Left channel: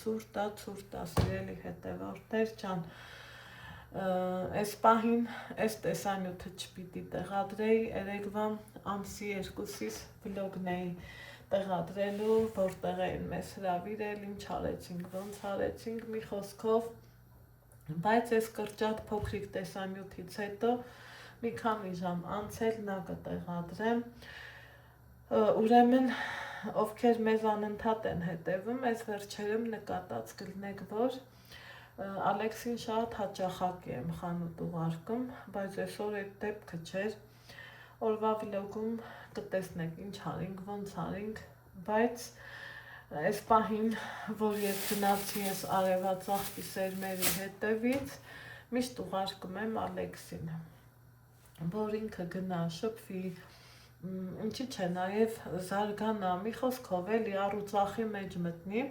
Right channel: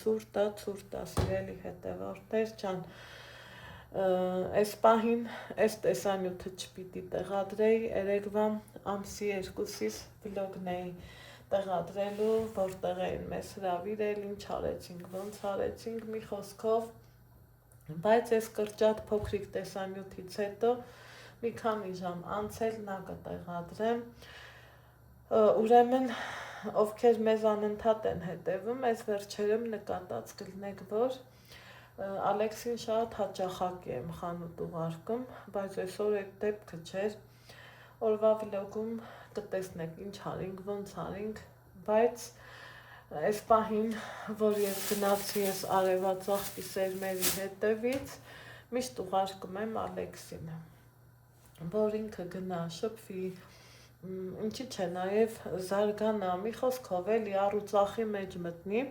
ցուրտ է, սիրելի հետևորդներ ջան, այս պահին այս տեսանյութը չպիտի տեղադրեի, երեկվա ամսի 2-ից վլոգն էի տեղադրելու, որտեղ էին մեզ հրավիրել, ինչ արեցինք, ոնց արեցինք, մի խոսքով, բայց այս կրճատ փոքրիկ տեսանյութից հետո մի քանի ժամ անցել նա կտեղադրեմ, ուրեմն ովքեր մեզ անընդհատ են հետևում, այս վերջերում նկատած կլինեք, որ Ալեքսին շատ հաճախակի եմ խանութ ուղարկում, բայց այսօր այդ դեպքը չէր, օրվա վլոգում կտեսնեք ինչ արինք, ոնց արինք, բայց այս պահին, որ ես գնացի ես արևածաղկի սերմերի հետևից, միշտ ուղարկում եմ Ալեքսին, որ ինքը գնա շփվի, ինչի՞ չէ նաև զարգանա, մի խոսքով էլի առուծախի մեջ մտնի,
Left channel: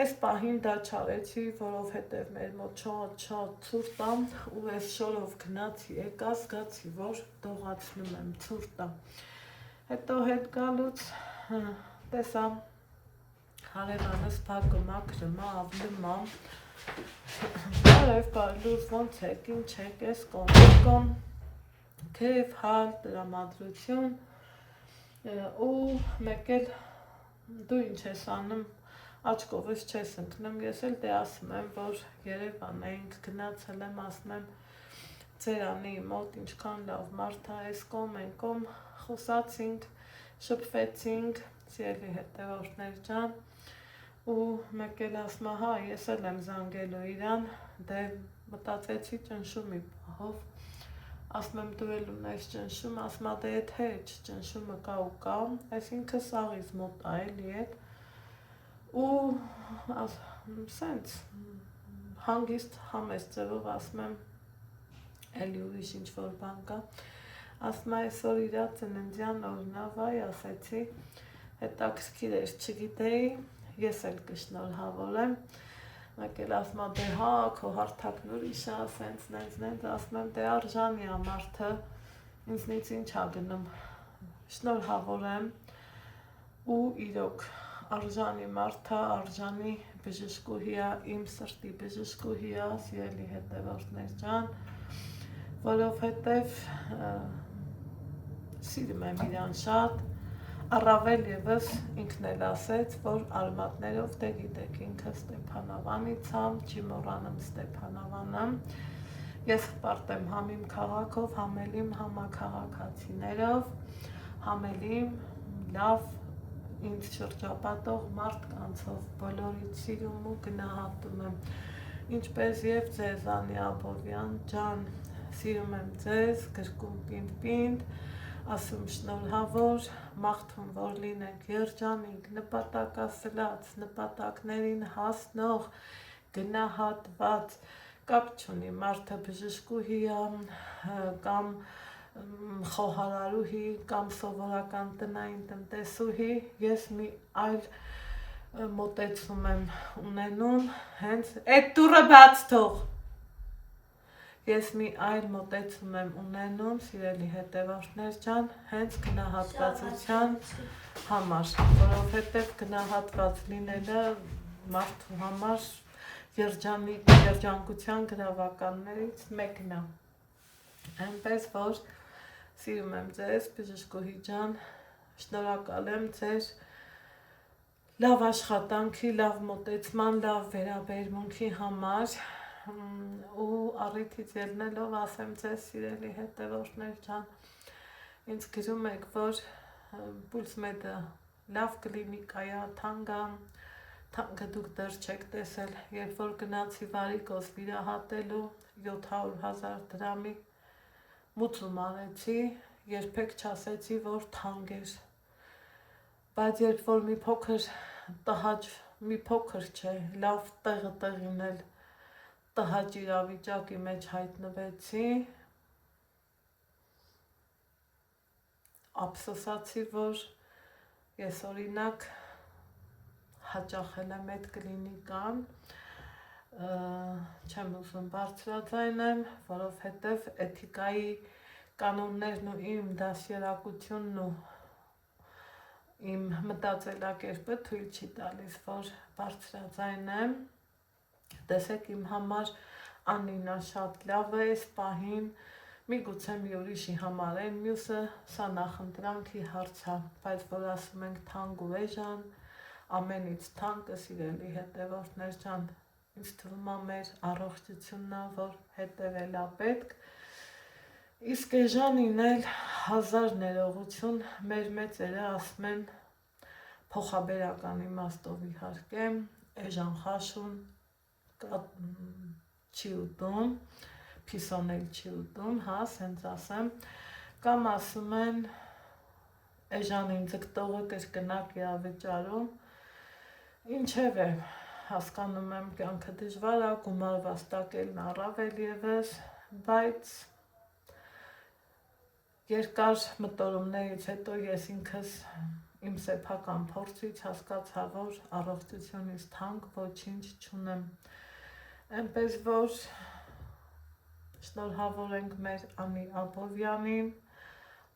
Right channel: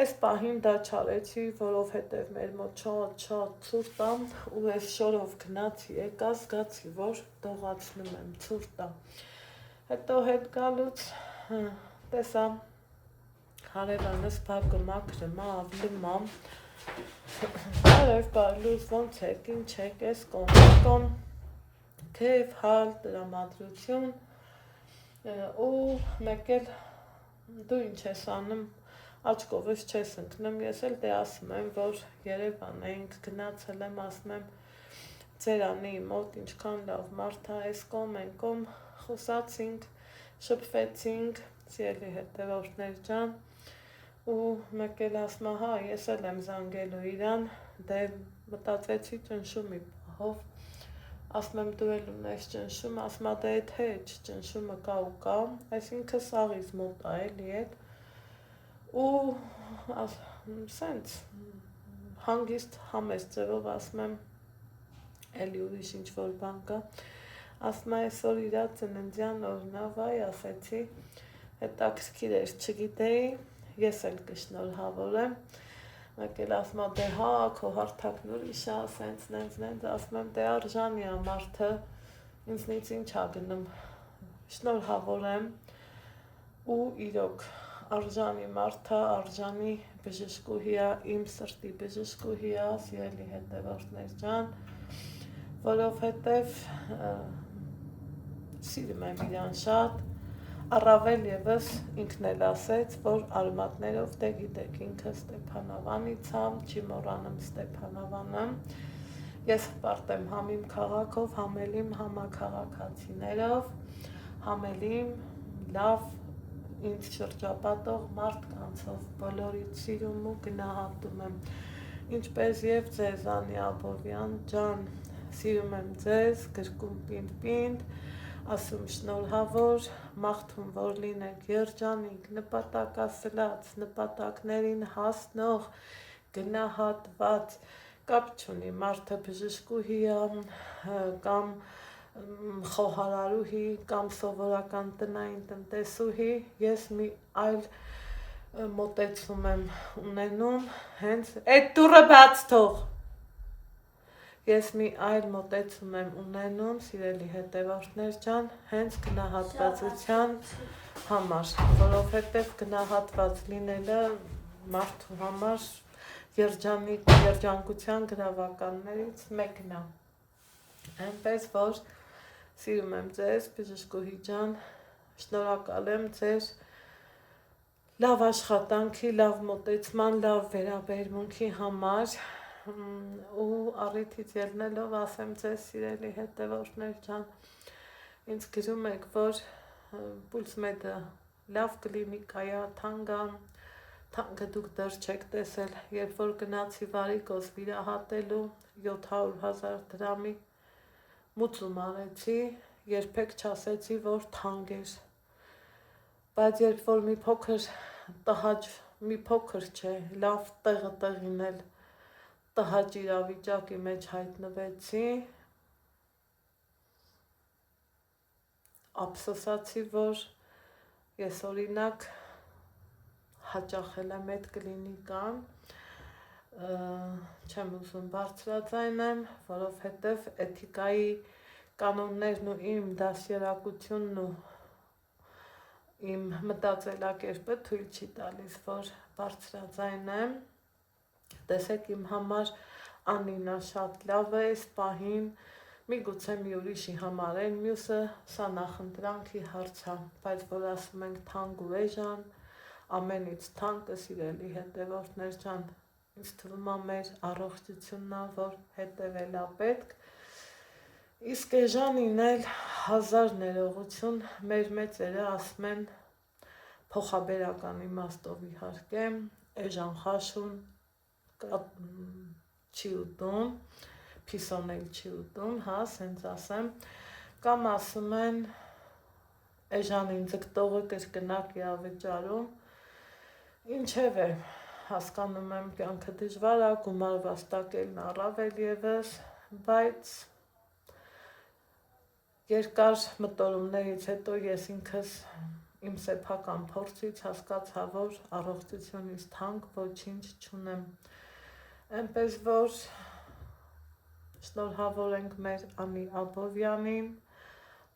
այս պահին դա չարեցի, որովհետև մեր մոտ շատ ցուրտ է ու այս շորով գնացի եկա, զգացի, որ դողացնում եմ, ցուրտ է, հետո հետ գալուց տեսա հարևանս բակը մաքրում է, ավլում է, բարև բարլուց, ոնց եք, ինչ եք, ես կոմ, քեև, հալ, տրամադրություն ու մեկ էլ դու ինչ ես անում, աչքովս չես ընկնում, ես էլ դե ասում եմ, որ Երևան էինք գնացել եմ, ասում եմ ձերանի մոտ ինչքան լավ մարդ է, այս կոմ, այն կոմ, խոսացինք, շփվեցինք, սիրելի հետևորդներ ջան, ու մեկ էլ ասում հա, ես էլ եմ զանգելու իրան, դե մտածեցի ճնշումի պահով, ասում եմ դու էլ ունես ճնշում, ասում դե էդ հեչ, ճնշումը կա ու կա, այսինքն սաղից մոտ է էլի էդ, ու սենց հանգիստ համեստ ձևով ասում եմ էլի ուրիշ ինչ-որ բան կա, ասում այսօր իրա ծննդյան օրն է, վայ ասեցի, հետաքրքիր էր, չգիտեի, ես էլ կշնորհավորեմ, մեկ էլ ասում դե հա, քո հարթակն ուրիշ է, սենց, ասում եմ դե արժանի է մարդը, ինձնից ինչ ա գնում, շնորհավորեմ ու իրոք արժանի մարդը, արժանի բժշկուհի է, իմ սրտի բժշկուհի է, սիրելի հետևորդներ ջան, որովհետև սիրում եմ իրան շատ, առավել ևս ինքն էլ ասեց, որ արմատներով դե գիտեք ինքը Ստեփանավանից եմ, չի մոռանում Ստեփանավանը, ես հպարտ եմ համ իմ քաղաքով, համ էլ իմ համաքաղաքացիներով, համ էլ իմ լավ ինձ շրջապատող մարդկանցով բոլորից սիրում ու գնահատում եմ, ինչպես և ձեզ Անի Աբովյան ջան, սիրում եմ ձեզ, գրկում պինդ, ասում շնորհավոր, մաղթում որ լինեք երջանիկ, նպատակասլաց, նպատակներին հասնող, գնահատված, կապ չունի մարդը բժշկուհի է կամ խոհարարուհի կամ սովորական տնային տնտեսուհի, ես մի այլ մոտեցում եմ ունենում, հենց այդ դուռը բաց թող, ես մի այլ մոտեցում եմ ունենում, սիրելի հետևորդներ ջան, հենց գնահատվածության համար, որովհետև գնահատված լինելը մարդու համար երջանկության գրավականներից մեկն է, այնպես որ սիրում եմ ձեզ, բժշկուհի ջան, շնորհակալ եմ ձեր լավ աշխատանքի, լավ մոտեցման, լավ վերաբերմունքի համար ու առիթից ելնելով ասեմ ձեզ, սիրելի հետևորդներ ջան, ինձ գրում եք, որ Pulse-Med-ը լավ կլինիկա, թանկը դուք դեռ չեք տեսել, երբ որ գնացի վարիկոս վիրահատելու 700,000 դրամի մուծում արեցի, երբեք չասեցի, որ թանկ էր, բայց երբ որ մի փոքր տհաճ, մի փոքր չէ, լավ տեղին էլ տհաճ իրավիճակի մեջ հայտնվեցի, ափսոսացի, որ ես օրինակ հաճախել եմ այդ կլինիկան, չեմ ուզում բարձրաձայնեմ, որովհետև էթիկայի կանոններն ու իմ դաստիարակությունն ու իմ մտածելակերպը թույլ չի տալիս, որ բարձրաձայնեմ։ Տեսեք, իմ համար Անինա շատ լավ է այս պահին, միգուցե մի ուրիշի համար են, մյուսը սա նախընտրանքի հարց է, բայց որ ասում ենք թանկ ու էժան, ամենից թանկը սիրելի հետևորդներ ջան, ինձ թվում է մեր առողջությունն է, որ հետևել է պետք, իսկ էժանին էլ 1000 ներողություն, մեր մեծերը ասում են փոխաբերական իմաստով իհարկե, էժան խաշուն չի ուտում, փիսոնել չի ուտում, հա, սենց ասեմ, կամ ասում են էժանին ձգտողը կրկնակ է ավճարում, ինչև է, հասկանում եմ կյանքը դժվար է, գումար վաստակելն առավել ևս, բայց երկար մտորումներից հետո ես ինքս իմ սեփական փորձից հասկացա, որ առողջությունից թանկ ոչինչ չունեմ, այնպես որ շնորհավորենք մեր Անի Աբովյանին,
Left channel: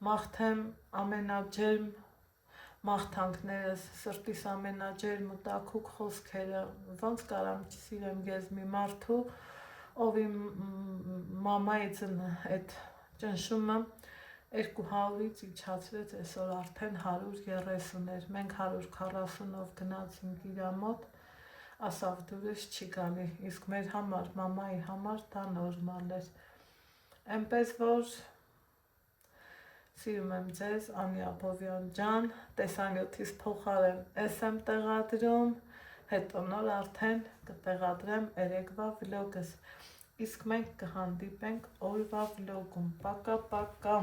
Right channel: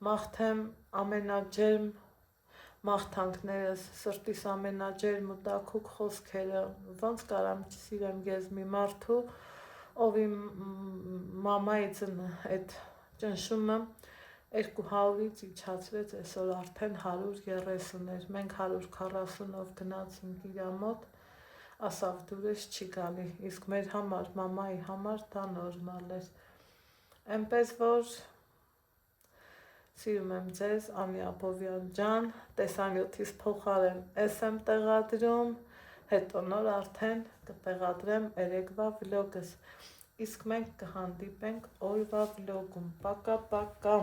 մաղթեմ ամենաջերմ մաղթանքներս, սրտիս ամենաջերմ ու տաքուկ խոսքերը, ոնց կարամ չսիրեմ ես մի մարդու, ով իմ մամայի այդ ճնշումը 200-ից իջացրեց, այսօր արդեն 130 էր, մենք 140-ով գնացինք իր մոտ, ասավ դուրս չի գալի, իսկ մեր համար, մամայի համար դա նորմալ էր, այնպես որ սիրում եմ ձեզ, Անի Աբովյան ջան, տեսանյութիս փոխարեն ես եմ տեղադրում, հետո նոր արդեն կտեղադրեմ երեկվա վլոգս, իսկ մենք կհանդիպենք օրվա վլոգում, պակա, պակա։